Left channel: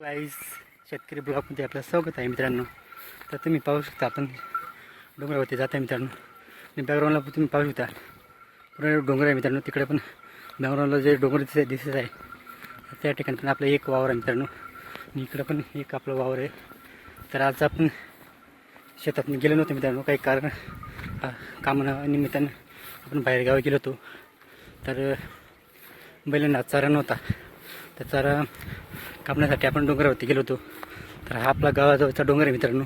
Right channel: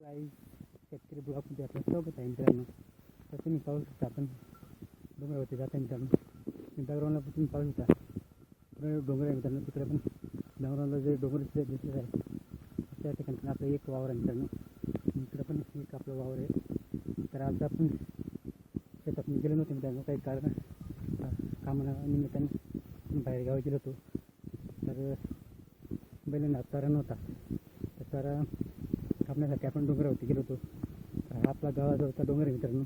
Guys शेतकरी ब्लॉकमध्ये आपलं स्वागत आहे मित्रांनो. तर तुम्ही पाहू शकता आपण डोंगरावरती जात आहे मित्रांनो. आणि बॅकग्राऊंडला पण तुम्ही पाहू शकता. पूर्ण डोंगर आहे मित्रांनो. तिकडे पण बॅकग्राऊंडला जे डोंगर दिसत दिसत आहे त्या ठिकाणी पण आपलं एक वावर आहे मित्रांनो. आणि इकडं पण एक आपलं वावर आहे. तर आज आपण शेतात गेलो नव्हतो मित्रांनो. काही कारण अ, कामानिमित्तानं आपण बाहेर गावी गेलो होतो. तर बैलांना चारा नव्हता. तर चारा कापण्यासाठी आपण डोंगरावरती गेलो होतो. तर हा आपला गावाजवळचा डोंगर आहे मित्रांनो.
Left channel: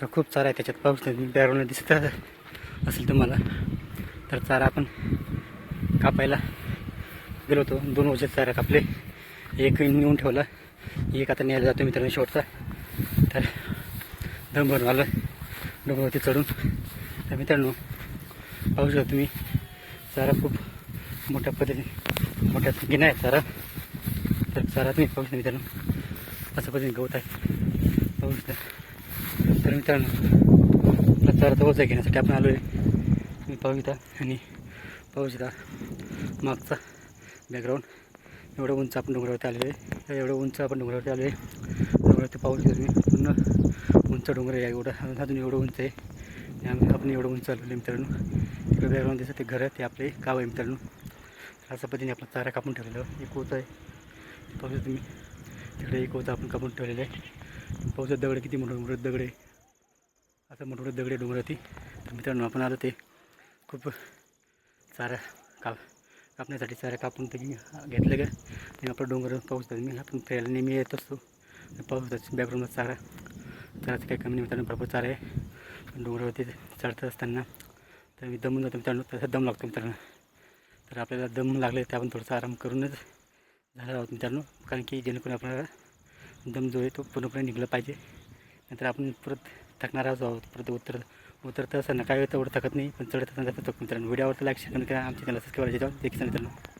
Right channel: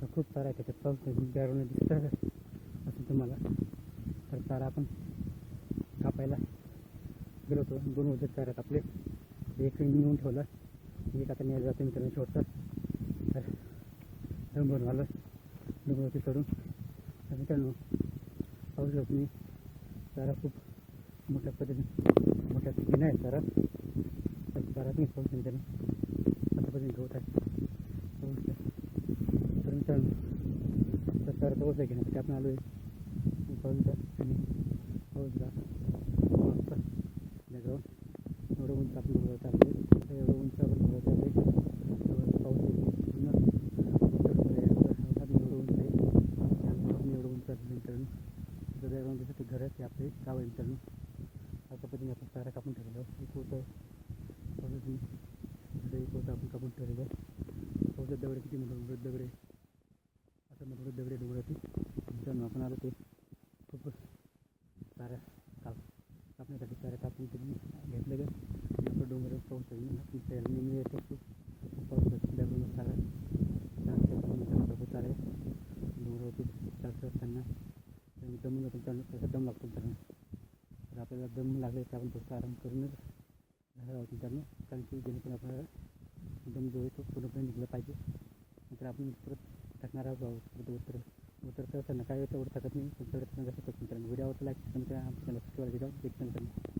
तर खूप चारा आहे त्याच्यात. पाऊस बॅकग्राऊंडला दिसत असेल तुम्हाला. तर चारा आपण कापायला गेलो होतो. दोन वर्षात चारा कापले. एक नेऊन ठेवला. एक आता न्यायला जातो मित्रांनो शेवटचा. तर दम भरून आलं डोंगरावरती चढून. तर मित्रांनो पाहू शकता तुम्ही चारा खूप मोठ्या पद्धतीने मोठ्या गिना आहे चारा. तर चारात नाही पाहू मित्रांनो. असं पद्धतीने गवत आहे. पाहू शकता तर मित्रांनो आपला चारा आहे घेण्यासाठी. आपण आलो आहे मी पाहू शकता आणि पाहू शकता मागचा बॅकग्राऊंड एवढं उंच आपण डोंगरावरती आलेलो आहे. एवढं उंच आपण डोंगरावरती आलो आहे. डोंगरावरती पाहू शकता पूर्ण उंच डोंगर आहे. एवढं अजून एवढं उंच आहे. आम्ही आपण एवढं उंच आलेलो आहे मित्रांनो. तिकडे बॅकग्राऊंड दिसतं ते घर आहे. ते आपले गाव आहे मित्रांनो. अशा पद्धतीने आपला चारा कापून ठेवलेलं एक होत आहे. पाहू शकता तुम्ही. तिकडे एक होतं आपण कापून ठेवलेलं आहे. पाहू शकता दगड किती मोठं मोठं दगड आहे. आता मोठे मोठे दगड आहे तर मित्रांनो आपण आलो ते खूप चारा काप कापण्यासाठी चारा कापून ते घेतलं का आणि आपण डोंगर पाहू मी आपण फिरायला नेहमी येत असतो. पाहू बॅकग्राऊंडला चारा. चाराचं काही कमी मित्रांनो. भरपूर चारा आहे. डोंगरावरती चढत असताना तर मी दमून जातो मित्रांनो. तसं दम लागतो मित्रांनो. तर आपल्याला दम लागले तर आपण थोडंसं आराम करूनच झाला आहोत मित्रांनो. कारण की जेणेकरून आपल्याला दम जो आहे तो पूर्णपणे निघला पाहिजे. नंतर आपण परत थकणार आहोत परत उतर उतरता असताना काय होतं एवढं थकत नाही. पण चढत असताना थकतो मित्रांनो व्हिडिओवर लाईक शेअर करा. आमच्या चॅनल सबस्क्राईब करायचे देखील मित्रांनो.